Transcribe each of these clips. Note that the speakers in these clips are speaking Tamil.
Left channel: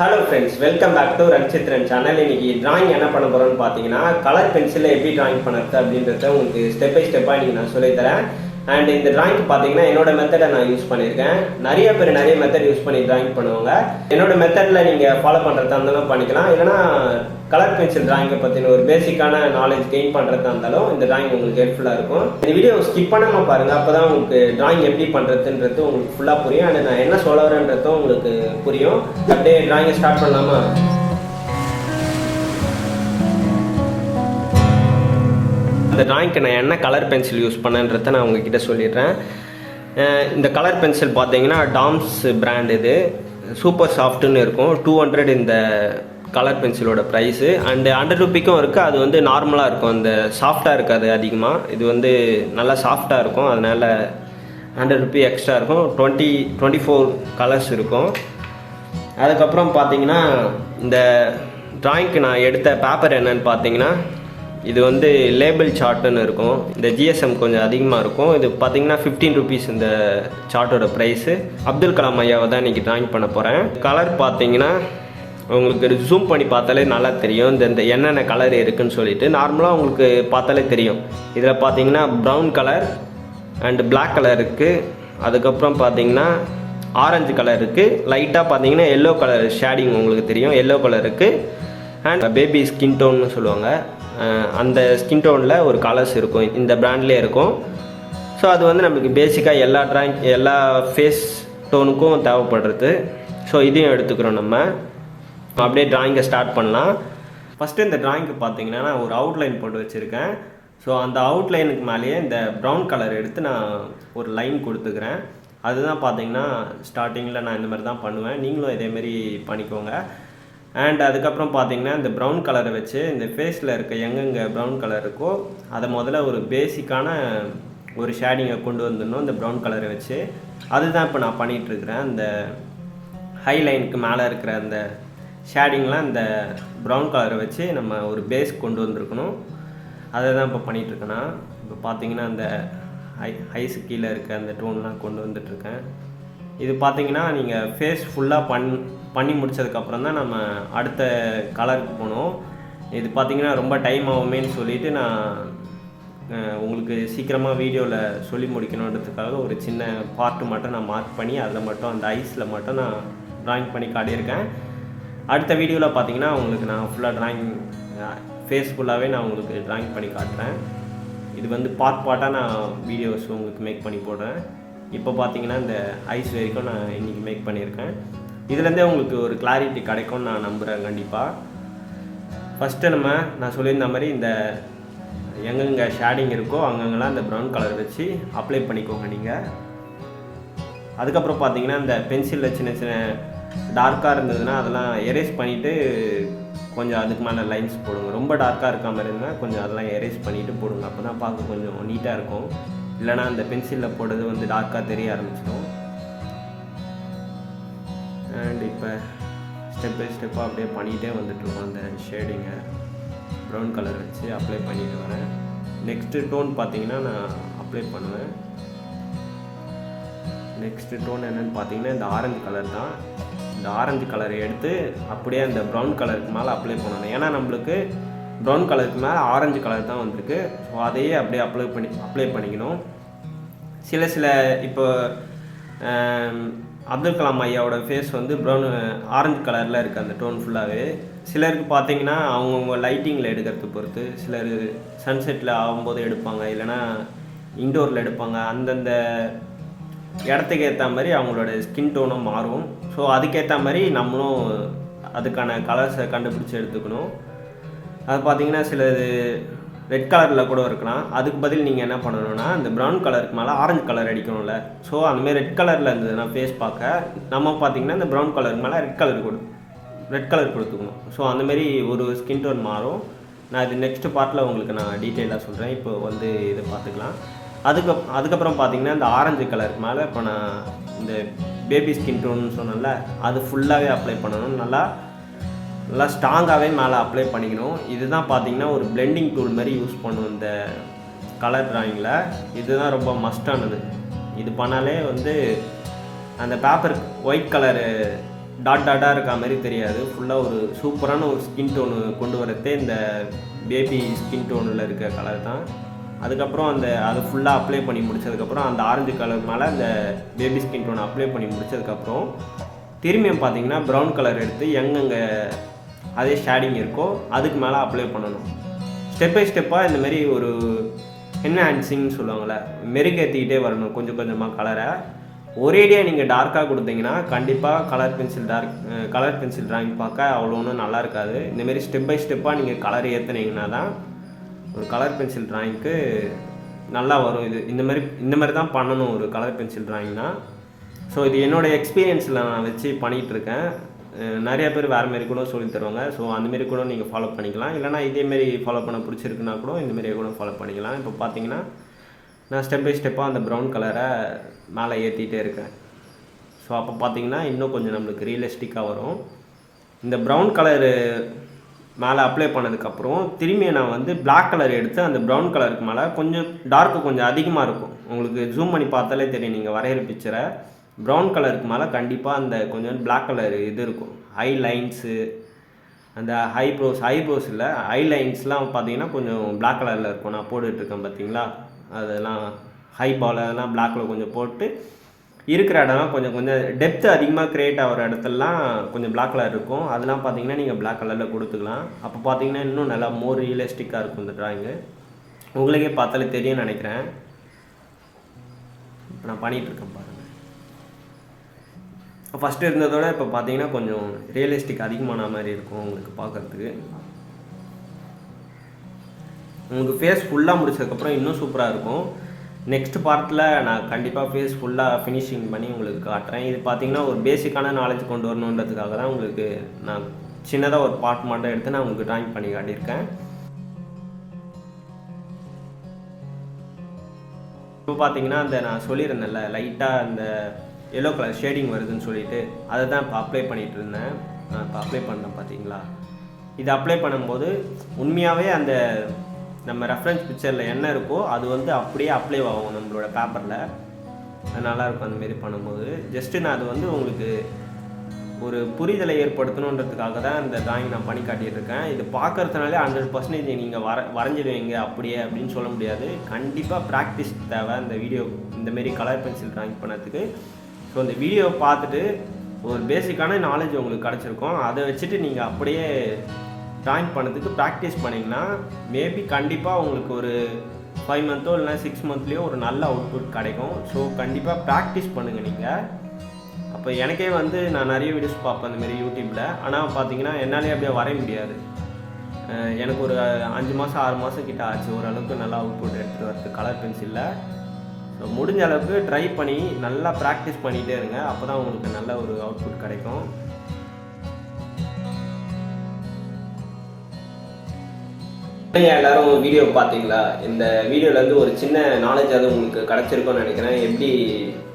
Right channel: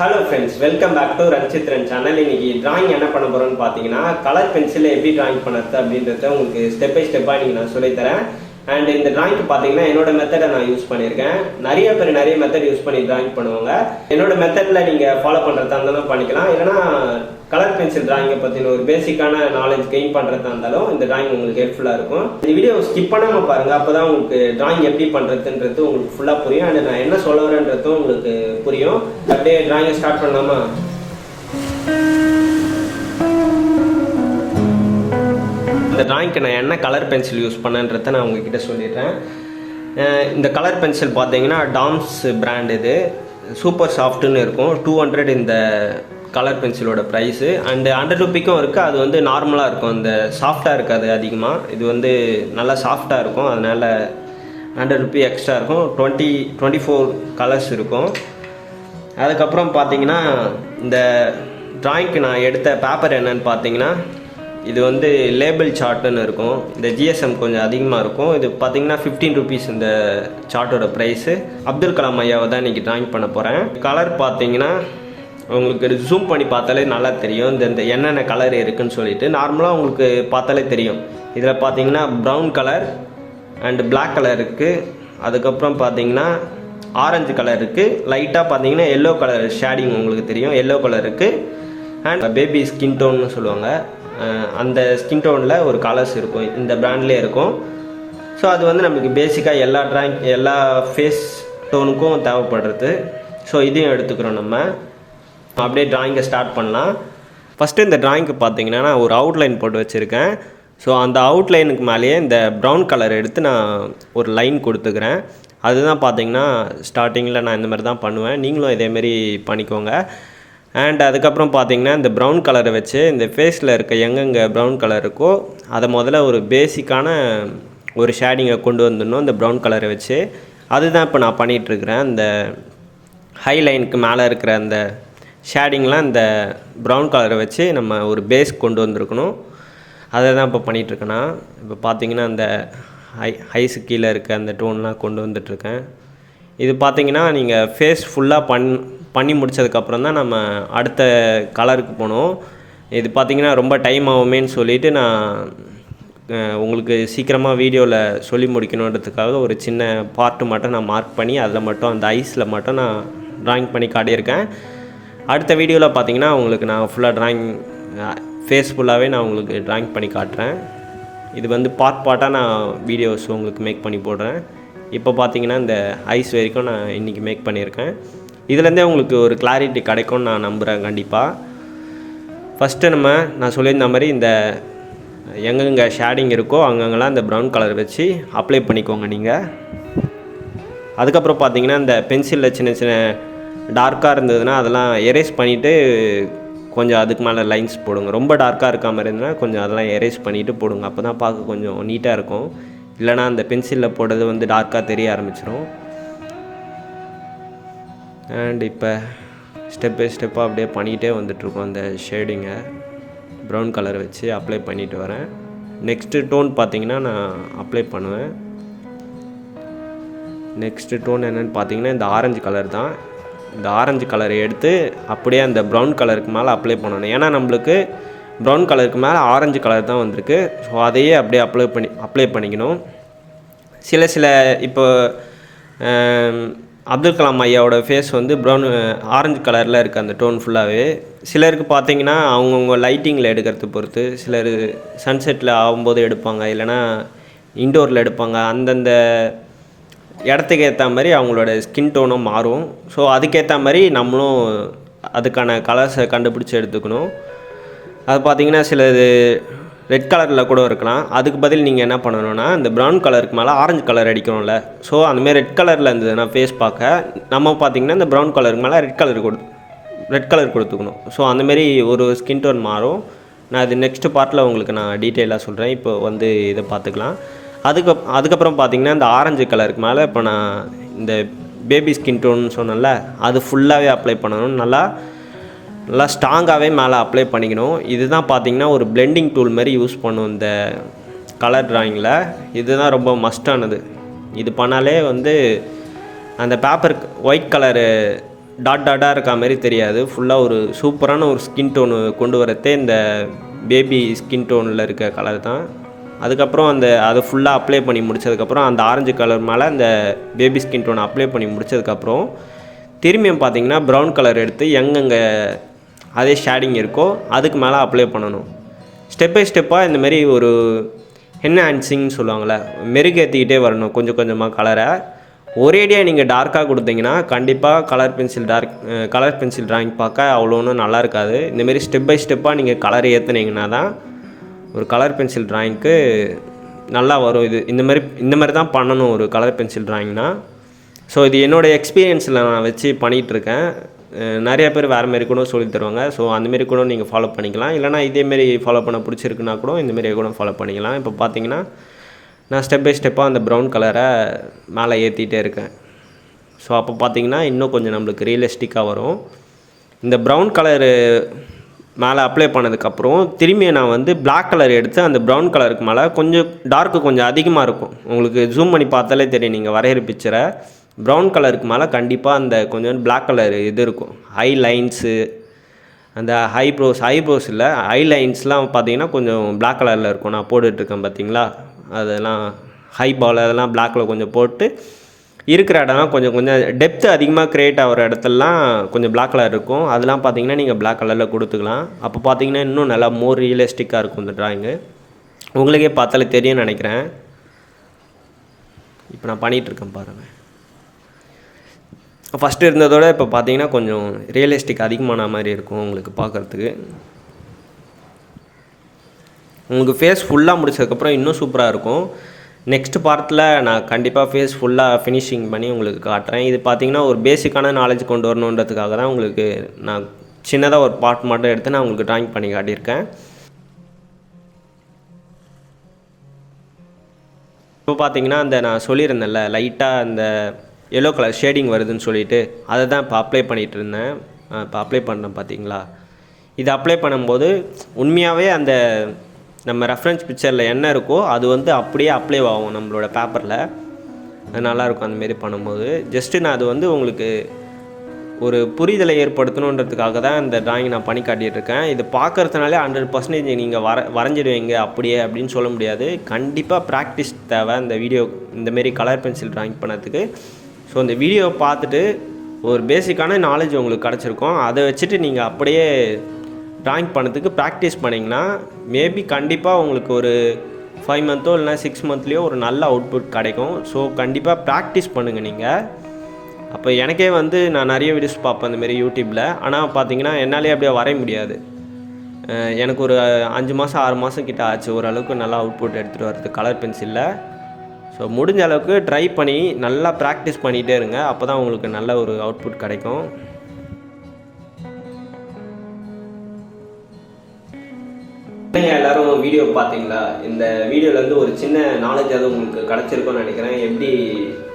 Hello friends, welcome back to Ranchitran channel. இன்னைக்கு drawing என்ன பண்ண போறோம்னு பாத்தீங்கன்னா கலர் பென்சில்ல எப்படி drawing பண்றது அப்படின்றத உங்களுக்கு ஸ்டெப் பை ஸ்டெப்பா இன்னைக்கு நான் சொல்லி தரேன். அண்ட் இந்த drawing பாத்தீங்கன்னா என்னோட மெத்தடை நான் யூஸ் பண்ணிருக்கேன். நிறைய பேர் நிறைய மெத்தட் யூஸ் பண்ணி drawing பண்ணுவாங்க. என்னோட மெத்தட்ல நீங்க ஃபாலோ பண்றதா இருந்தாலும் பண்ணிக்கலாம். இல்லனா கலர் பென்சில் drawing பத்தின ஒரு பேசிக்கான நாலேஜ் கெயின் பண்றதா இருந்தாலும் இந்த drawing உங்களுக்கு ஹெல்ப்ஃபுல்லா இருக்கும். இந்த வீடியோ ஸ்கிப் பண்ணாம பாருங்க. அப்பதான் உங்களுக்கு drawing எப்படி பண்றதுன்றது உங்களுக்கு ஃபுல்லா புரியும். அண்ட் நான் என்ன சொல்ல வரேன்றதும் உங்களுக்கு புரியும். அப்படியே drawing ஸ்டார்ட் பண்ணலாமா? இந்த டிராயிங்க்கு நான் என்ன கலர் பென்சில் யூஸ் பண்ணேன்றதை நான் உங்ககிட்ட சொல்லிடுறேன். இந்த கலர் பென்சில் பார்த்தீங்கன்னா டாம்ஸ் பிராண்ட், இது சூப்பர் சாஃப்ட்டுன்னு இருக்கும். 200 இந்த கலர் பென்சிலோட ப்ரைஸு. அண்டு 100 ரூபிக்கும் இருக்குது. அது வந்து நார்மலாக இருக்கும், இந்த சாஃப்டாக இருக்காது அதிகமாக. இது வந்து நல்லா சாஃப்டாக இருக்கும், அதனால் 100 ரூபி எக்ஸ்ட்ரா இருக்கும். 24 கலர்ஸ் இருக்கும். அதுக்கப்புறம் பார்த்தீங்கன்னா இந்த டிராயிங்க்கு நான் எடுத்த பேப்பர் என்னன்னு பார்த்தீங்கன்னா இது வந்து லேபிள் சார்ட்டுன்னு இருக்கும். இந்த ஜிஎஸ்எம் கொஞ்சம் அதிகமாக இருக்கும். இது பார்த்தீங்கன்னா 15 ருபீஸ் இந்த சார்ட்டோட ப்ரைஸு. அப்துல் கலாம் ஐயாவை தான் இன்றைக்கி ட்ராயிங் பண்ண போகிறேன். கலர் பார்த்தீங்கன்னா உங்களுக்கு ஜூம் பண்ணி பார்த்தாலே நல்லா தெரியும் இந்த என்னென்ன கலர் இருக்குதுன்னு சொல்லிட்டு. நார்மலாக உங்களுக்கு பார்த்தாலே தெரியும். இதில் பார்த்தீங்கன்னா brown colour and black colour இருக்குது. அதுக்கப்புறம் பார்த்தீங்கன்னா ஆரஞ்சு கலர் இருக்குது. லைட்டாக பார்த்தீங்கன்னா எல்லோ கலர் ஷேடிங் உங்களுக்கு தெரியும், எல்லோ கலர் இருக்குது. அண்ட் பேபி ஸ்கின் டோன்னு சொல்லுவாங்க, அந்த ஸ்கின் டோனில் ஒரு கலர்ஸ் இருக்கும், இந்த பிராண்ட்லேயே இருக்கும். ஸோ அது வந்து நம்மளுக்கு பேசிக்காக எல்லா ஃபேஸ் டோனுக்கும் தேவைப்படுறது. ஸோ இதையும் எடுத்துக்கிறோம். நம்ம அப்படியே ட்ராயிங்கை ஸ்டார்ட் பண்ணலாம். ஃபஸ்ட்டு இந்த ட்ராயிங்க்கு பார்த்தீங்கன்னா நான் ஒரு அவுட்லைன் போட்டு வச்சுருக்கேன். ஸோ அந்த அவுட்லைனுக்கு மேலேயே இந்த ப்ரௌன் கலர் எடுத்து நான் ஒரு லைன் கொடுத்துக்கிறேன். அதுதான் பார்த்தீங்கன்னா ஸ்டார்டிங்கில் நான் இந்த மாதிரி தான் பண்ணுவேன். நீங்களும் இதேமாரி பண்ணிக்கோங்க. அண்ட் அதுக்கப்புறம் பார்த்தீங்கன்னா இந்த ப்ரௌன் கலரை வச்சு இந்த ஃபேஸில் இருக்க எங்கெங்கே ப்ரௌன் கலர் இருக்கோ அதை முதல்ல ஒரு பேசிக்கான ஒரு ஷேடிங்கை கொண்டு வந்துடணும் இந்த ப்ரௌன் கலரை வச்சு. அதுதான் இப்போ நான் பண்ணிகிட்ருக்கிறேன். இந்த ஹைலைனுக்கு மேலே இருக்கிற அந்த ஷேடிங்லாம் இந்த ப்ரௌன் கலரை வச்சு நம்ம ஒரு பேஸ் கொண்டு வந்திருக்கணும். அதை தான் இப்போ பண்ணிகிட்ருக்கேன்னா. இப்போ பார்த்தீங்கன்னா இந்த ஐஸு கீழே இருக்க அந்த டோன்லாம் கொண்டு வந்துட்டுருக்கேன். இது பார்த்தீங்கன்னா நீங்கள் ஃபேஸ் ஃபுல்லாக பண்ணி முடித்ததுக்கப்புறம் தான் நம்ம அடுத்த கலருக்கு போகணும். இது பார்த்திங்கன்னா ரொம்ப டைம் ஆகுமேன்னு சொல்லிவிட்டு நான் உங்களுக்கு சீக்கிரமாக வீடியோவில் சொல்லி முடிக்கணுன்றதுக்காக ஒரு சின்ன பார்ட்டு மட்டும் நான் மார்க் பண்ணி அதில் மட்டும் அந்த ஐஸில் மட்டும் நான் ட்ராயிங் பண்ணி காட்டியிருக்கேன். அடுத்த வீடியோவில் பார்த்திங்கன்னா உங்களுக்கு நான் ஃபுல்லாக ட்ராயிங் ஃபேஸ் ஃபுல்லாகவே நான் உங்களுக்கு ட்ராயிங் பண்ணி காட்டுறேன். இது வந்து பார்ட்டாக நான் வீடியோஸ் உங்களுக்கு மேக் பண்ணி போடுறேன். இப்போ பார்த்தீங்கன்னா இந்த ஐஸ் வரைக்கும் நான் இன்றைக்கி மேக் பண்ணியிருக்கேன். இதுலேருந்தே உங்களுக்கு ஒரு கிளாரிட்டி கிடைக்கும்னு நான் நம்புகிறேன் கண்டிப்பாக. ஃபஸ்ட்டு நான் சொல்லியிருந்த மாதிரி இந்த எங்கெங்கே ஷேடிங் இருக்கோ அங்கங்கெல்லாம் இந்த ப்ரௌன் கலர் வச்சு அப்ளை பண்ணிக்கோங்க நீங்கள். அதுக்கப்புறம் பார்த்தீங்கன்னா இந்த பென்சிலில் சின்ன சின்ன டார்க்காக இருந்ததுன்னா அதெல்லாம் எரேஸ் பண்ணிவிட்டு கொஞ்சம் அதுக்கு மேலே லைன்ஸ் போடுங்க. ரொம்ப டார்க்காக இருக்க மாதிரி இருந்தால் கொஞ்சம் அதெல்லாம் எரேஸ் பண்ணிவிட்டு போடுங்க. அப்போ தான் பார்க்க கொஞ்சம் நீட்டாக இருக்கும். இல்லைனா அந்த பென்சிலில் போடுறது வந்து டார்க்காக தெரிய ஆரம்பிச்சிடும். அண்ட் இப்போ ஸ்டெப் பை ஸ்டெப்பாக அப்படியே பண்ணிகிட்டே வந்துட்ருக்கோம். அந்த ஷேடிங்கை ப்ரௌன் கலர் வச்சு அப்ளை பண்ணிட்டு வரேன். நெக்ஸ்ட்டு டோன் பார்த்திங்கன்னா நான் அப்ளை பண்ணுவேன். நெக்ஸ்ட்டு டோன் என்னென்னு பார்த்தீங்கன்னா இந்த ஆரஞ்சு கலர் தான். இந்த ஆரஞ்சு கலரை எடுத்து அப்படியே அந்த ப்ரௌன் கலருக்கு மேலே அப்ளை பண்ணணும். ஏன்னா நம்மளுக்கு ப்ரௌன் கலருக்கு மேலே ஆரஞ்சு கலர் தான் வந்திருக்கு. ஸோ அதையே அப்படியே அப்ளை பண்ணிக்கணும். சில இப்போ அப்துல் கலாம் ஐயாவோட ஃபேஸ் வந்து ஆரஞ்சு கலரில் இருக்குது அந்த டோன் ஃபுல்லாகவே. சிலருக்கு பார்த்தீங்கன்னா அவங்கவுங்க லைட்டிங்கில் எடுக்கிறது பொறுத்து, சிலர் சன்செட்டில் ஆகும்போது எடுப்பாங்க, இல்லைனா இன்டோரில் எடுப்பாங்க. அந்தந்த இடத்துக்கு ஏற்ற மாதிரி அவங்களோட ஸ்கின் டோனும் மாறும். ஸோ அதுக்கேற்ற மாதிரி நம்மளும் அதுக்கான கலர்ஸை கண்டுபிடிச்சி எடுத்துக்கணும். அது பார்த்திங்கன்னா சிலது ரெட் கலரில் கூட இருக்கலாம். அதுக்கு பதில் நீங்கள் என்ன பண்ணணுன்னா இந்த ப்ரௌன் கலருக்கு மேலே ஆரஞ்சு கலர் அடிக்கணும்ல. ஸோ அந்தமாரி ரெட் கலரில் இருந்ததுன்னா ஃபேஸ் பார்க்க நம்ம பார்த்திங்கன்னா இந்த ப்ரௌன் கலருக்கு மேலே ரெட் கலர் கொடுத்துக்கணும். ஸோ அந்தமாரி ஒரு ஸ்கின் டோன் மாறும். நான் இது நெக்ஸ்ட்டு பார்ட்டில் உங்களுக்கு நான் டீட்டெயிலாக சொல்கிறேன். இப்போ வந்து இதை பார்த்துக்கலாம். அதுக்கப்புறம் பார்த்திங்கன்னா இந்த ஆரஞ்சு கலருக்கு மேலே இப்போ நான் இந்த பேபி ஸ்கின் டோன்னு சொன்னேன்ல, அது ஃபுல்லாகவே அப்ளை பண்ணணும். நல்லா ஸ்ட்ராங்காகவே மேலே அப்ளை பண்ணிக்கணும். இதுதான் பார்த்திங்கன்னா ஒரு பிளெண்டிங் டூல் மாதிரி யூஸ் பண்ணும் இந்த கலர் ட்ராயிங்கில். இதுதான் ரொம்ப மஸ்டானது. இது பண்ணாலே வந்து அந்த பேப்பருக்கு ஒயிட் கலரு டாட்டாக இருக்க மாதிரி தெரியாது. ஃபுல்லாக ஒரு சூப்பரான ஒரு ஸ்கின் டோனு கொண்டு வரதே இந்த பேபி ஸ்கின் டோனில் இருக்க கலர் தான். அதுக்கப்புறம் அதை ஃபுல்லாக அப்ளை பண்ணி முடித்ததுக்கப்புறம் அந்த ஆரஞ்சு கலர் மேலே அந்த பேபி ஸ்கின் டோனை அப்ளை பண்ணி முடித்ததுக்கப்புறம் திரும்பியும் பார்த்திங்கன்னா ப்ரௌன் கலர் எடுத்து எங்கெங்கே அதே ஷேடிங் இருக்கோ அதுக்கு மேலே அப்ளை பண்ணணும். ஸ்டெப் பை ஸ்டெப்பாக இந்தமாரி ஒரு என்ஹான்சிங்னு சொல்லுவாங்கள்ல, மெருகேற்றிக்கிட்டே வரணும் கொஞ்சம் கொஞ்சமாக கலரை. ஒரேடியாக நீங்கள் டார்க்காக கொடுத்தீங்கன்னா கண்டிப்பாக கலர் பென்சில் ட்ராயிங் பார்க்க அவ்வளோ ஒன்றும் நல்லா இருக்காது. இந்தமாரி ஸ்டெப் பை ஸ்டெப்பாக நீங்கள் கலர் ஏற்றுனீங்கன்னா தான் ஒரு கலர் பென்சில் ட்ராயிங்க்கு நல்லா வரும். இந்த மாதிரி தான் பண்ணணும் ஒரு கலர் பென்சில் ட்ராயிங்னா. ஸோ இது என்னோடய எக்ஸ்பீரியன்ஸில் நான் வச்சு பண்ணிகிட்ருக்கேன். நிறைய பேர் வேறு மாரி கூட சொல்லி தருவாங்க. ஸோ அந்தமாரி கூட நீங்கள் ஃபாலோ பண்ணிக்கலாம். இல்லைனா இதேமாரி ஃபாலோ பண்ண பிடிச்சிருக்குன்னா கூட இந்தமாரி கூட ஃபாலோ பண்ணிக்கலாம். இப்போ பார்த்தீங்கன்னா நான் ஸ்டெப் பை ஸ்டெப்பாக அந்த ப்ரௌன் கலரை மேலே ஏற்றிட்டே இருக்கேன். ஸோ அப்போ பார்த்தீங்கன்னா இன்னும் கொஞ்சம் நம்மளுக்கு ரியலிஸ்டிக்காக வரும். இந்த ப்ரௌன் கலரு மேலே அப்ளை பண்ணதுக்கப்புறம் திரும்பி நான் வந்து பிளாக் கலர் எடுத்து அந்த ப்ரௌன் கலருக்கு மேலே கொஞ்சம் டார்க்கு கொஞ்சம் அதிகமாக இருக்கும். உங்களுக்கு ஜூம் பண்ணி பார்த்தாலே தெரியும், நீங்கள் வரைகிற பிக்சரை ப்ரௌன் கலருக்கு மேலே கண்டிப்பாக அந்த கொஞ்சம் பிளாக் கலர் இது இருக்கும். ஐ லைன்ஸு, அந்த ஐப்ரோஸ் இல்லை, ஐ லைன்ஸ்லாம் பார்த்தீங்கன்னா கொஞ்சம் பிளாக் கலரில் இருக்கும். நான் போட்டுட்ருக்கேன் பார்த்தீங்களா, அதெல்லாம் ஹைபால் அதெல்லாம் பிளாக்கில் கொஞ்சம் போட்டு இருக்கிற இடம்லாம் கொஞ்சம் டெப்த்து அதிகமாக க்ரியேட் ஆகிற இடத்துலலாம் கொஞ்சம் பிளாக் கலர் இருக்கும். அதெல்லாம் பார்த்தீங்கன்னா நீங்கள் பிளாக் கலரில் கொடுத்துக்கலாம். அப்போ பார்த்தீங்கன்னா இன்னும் நல்லா மோர் ரியலிஸ்டிக்காக இருக்கும் இந்த ட்ராயிங்கு. உங்களுக்கே பார்த்தாலே தெரியும்னு நினைக்கிறேன். இப்போ நான் பண்ணிகிட்ருக்கேன் பாருங்கள். ஃபஸ்ட்டு இருந்ததோட இப்போ பார்த்தீங்கன்னா கொஞ்சம் ரியலிஸ்டிக் அதிகமான மாதிரி இருக்கும் உங்களுக்கு பார்க்குறதுக்கு. உங்களுக்கு ஃபேஸ் ஃபுல்லாக முடிச்சதுக்கப்புறம் இன்னும் சூப்பராக இருக்கும். நெக்ஸ்ட் பார்ட்டில் நான் கண்டிப்பாக ஃபேஸ் ஃபுல்லாக ஃபினிஷிங் பண்ணி உங்களுக்கு காட்டுறேன். இது பார்த்திங்கன்னா ஒரு பேசிக்கான நாலேஜ் கொண்டு வரணுன்றதுக்காக தான் உங்களுக்கு நான் சின்னதாக ஒரு பார்ட் மட்டும் எடுத்து நான் உங்களுக்கு ட்ராயிங் பண்ணி காட்டியிருக்கேன். இப்போ பார்த்தீங்கன்னா நான் சொல்லியிருந்தேன்ல லைட்டாக அந்த எல்லோ கலர் ஷேடிங் வருதுன்னு சொல்லிட்டு அதை தான் இப்போ அப்ளை பண்ணிகிட்டு இருந்தேன். இப்போ அப்ளை பண்ணேன் பார்த்தீங்களா. இது அப்ளை பண்ணும்போது உண்மையாகவே அந்த நம்ம ரெஃபரன்ஸ் பிக்சரில் என்ன இருக்கோ அது வந்து அப்படியே அப்ளை ஆகும் நம்மளோட பேப்பரில். அது நல்லாயிருக்கும் அந்தமாரி பண்ணும்போது. ஜஸ்ட்டு நான் அது வந்து உங்களுக்கு ஒரு புரிதலை ஏற்படுத்தணுன்றதுக்காக தான் இந்த ட்ராயிங் நான் பண்ணி காட்டிகிட்ருக்கேன். இது பார்க்குறதுனாலே 100% நீங்கள் வரைஞ்சிடுவீங்க அப்படியே அப்படின்னு சொல்ல முடியாது. கண்டிப்பாக ப்ராக்டிஸ் தேவை இந்தமாரி கலர் பென்சில் ட்ராயிங் பண்ணதுக்கு. ஸோ இந்த வீடியோவை பார்த்துட்டு ஒரு பேசிக்கான நாலேஜ் உங்களுக்கு கிடச்சிருக்கும். அதை வச்சுட்டு நீங்கள் அப்படியே ட்ராயிங் பண்ணதுக்கு ப்ராக்டிஸ் பண்ணிங்கன்னா மேபி கண்டிப்பாக உங்களுக்கு ஒரு 5 மந்த்தோ இல்லைனா 6 மந்த்லேயோ ஒரு நல்ல அவுட்புட் கிடைக்கும். ஸோ கண்டிப்பாக ப்ராக்டிஸ் பண்ணுங்கள் நீங்கள். அப்போ எனக்கே வந்து நான் நிறைய வீடியோஸ் பார்ப்பேன் இந்தமாரி யூடியூப்பில். ஆனால் பார்த்தீங்கன்னா என்னாலே அப்படியே வரைய முடியாது. எனக்கு ஒரு 5 மாதம் 6 மாதம் கிட்ட ஆச்சு ஓரளவுக்கு நல்லா அவுட்புட் எடுத்துகிட்டு வரது கலர் பென்சிலில். ஸோ முடிஞ்ச அளவுக்கு ட்ரை பண்ணி நல்லா ப்ராக்டிஸ் பண்ணிகிட்டே இருங்க. அப்போ தான் உங்களுக்கு நல்ல ஒரு அவுட்புட் கிடைக்கும். எல்லாரும் வீடியோ பார்த்தீங்களா? இந்த வீடியோலேருந்து ஒரு சின்ன நாலேஜாவது உங்களுக்கு கிடச்சிருக்கும்னு நினைக்கிறேன். எப்படி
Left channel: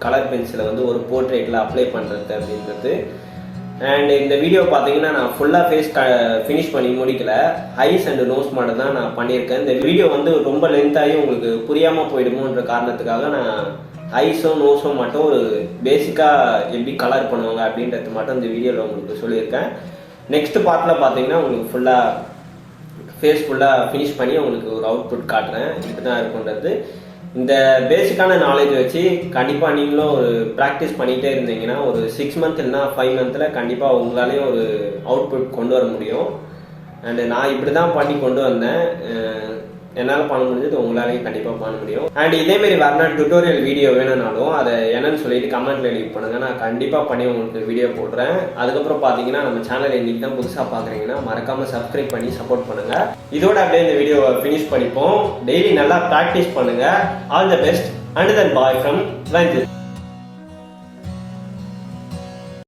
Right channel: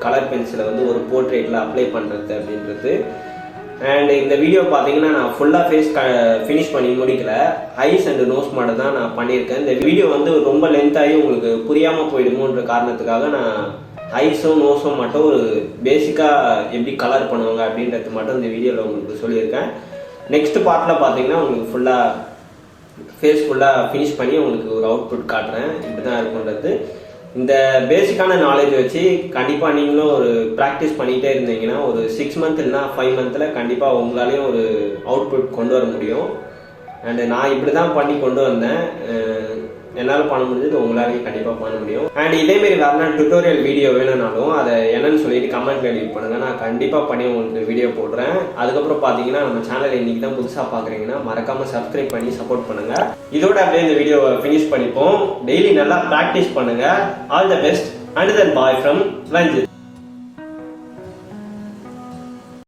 கலர் பென்சிலை வந்து ஒரு போர்ட்ரேட்டில் அப்ளை பண்ணுறது அப்படின்றது. அண்ட் இந்த வீடியோ பார்த்தீங்கன்னா நான் ஃபுல்லாக ஃபேஸ் ஃபினிஷ் பண்ணி முடிக்கல. ஐஸ் அண்ட் நோஸ் மட்டும் தான் நான் பண்ணியிருக்கேன். இந்த வீடியோ வந்து ரொம்ப லென்த்தாகி உங்களுக்கு புரியாமல் போயிடுமோன்ற காரணத்துக்காக நான் ஐஸும் நோஸும் மட்டும் ஒரு பேசிக்காக எப்படி கலர் பண்ணுவாங்க அப்படின்றது மட்டும் இந்த வீடியோவில் உங்களுக்கு சொல்லியிருக்கேன். நெக்ஸ்ட் பார்ட்டில் பார்த்தீங்கன்னா உங்களுக்கு ஃபுல்லாக ஃபேஸ் ஃபுல்லாக ஃபினிஷ் பண்ணி உங்களுக்கு ஒரு அவுட்புட் காட்டுறேன். இப்படி தான் இருக்குன்றது. இந்த பேசிக்கான நாலேஜ் வச்சு கண்டிப்பாக நீங்களும் ஒரு ப்ராக்டிஸ் பண்ணிகிட்டே இருந்தீங்கன்னா ஒரு 6 மந்த் இல்லைனா 5 மந்தில் கண்டிப்பாக உங்களாலேயும் ஒரு அவுட்புட் கொண்டு வர முடியும். அண்டு நான் இப்படி தான் பண்ணி கொண்டு வந்தேன். என்னால் பண்ண முடிஞ்சது உங்களாலேயும் கண்டிப்பாக பண்ண முடியும். அண்ட் இதேமாரி வேறு டுட்டோரியல் வீடியோ வேணும்னாலும் அதை என்னன்னு சொல்லிட்டு கமெண்ட்டில் லீவ் பண்ணுங்கள். நான் கண்டிப்பாக பண்ணி உங்களுக்கு வீடியோ போடுறேன். அதுக்கப்புறம் பார்த்தீங்கன்னா நம்ம சேனல் இன்றைக்கி தான் புதுசாக பார்க்குறீங்கன்னா மறக்காமல் சப்ஸ்கிரைப் பண்ணி சப்போர்ட் பண்ணுங்கள். இதோட அப்படியே இந்த வீடியோவை ஃபினிஷ் பண்ணிப்போம். டெய்லி நல்லா ப்ராக்டிஸ் பண்ணுங்கள். All the best and then bye from Ranjith.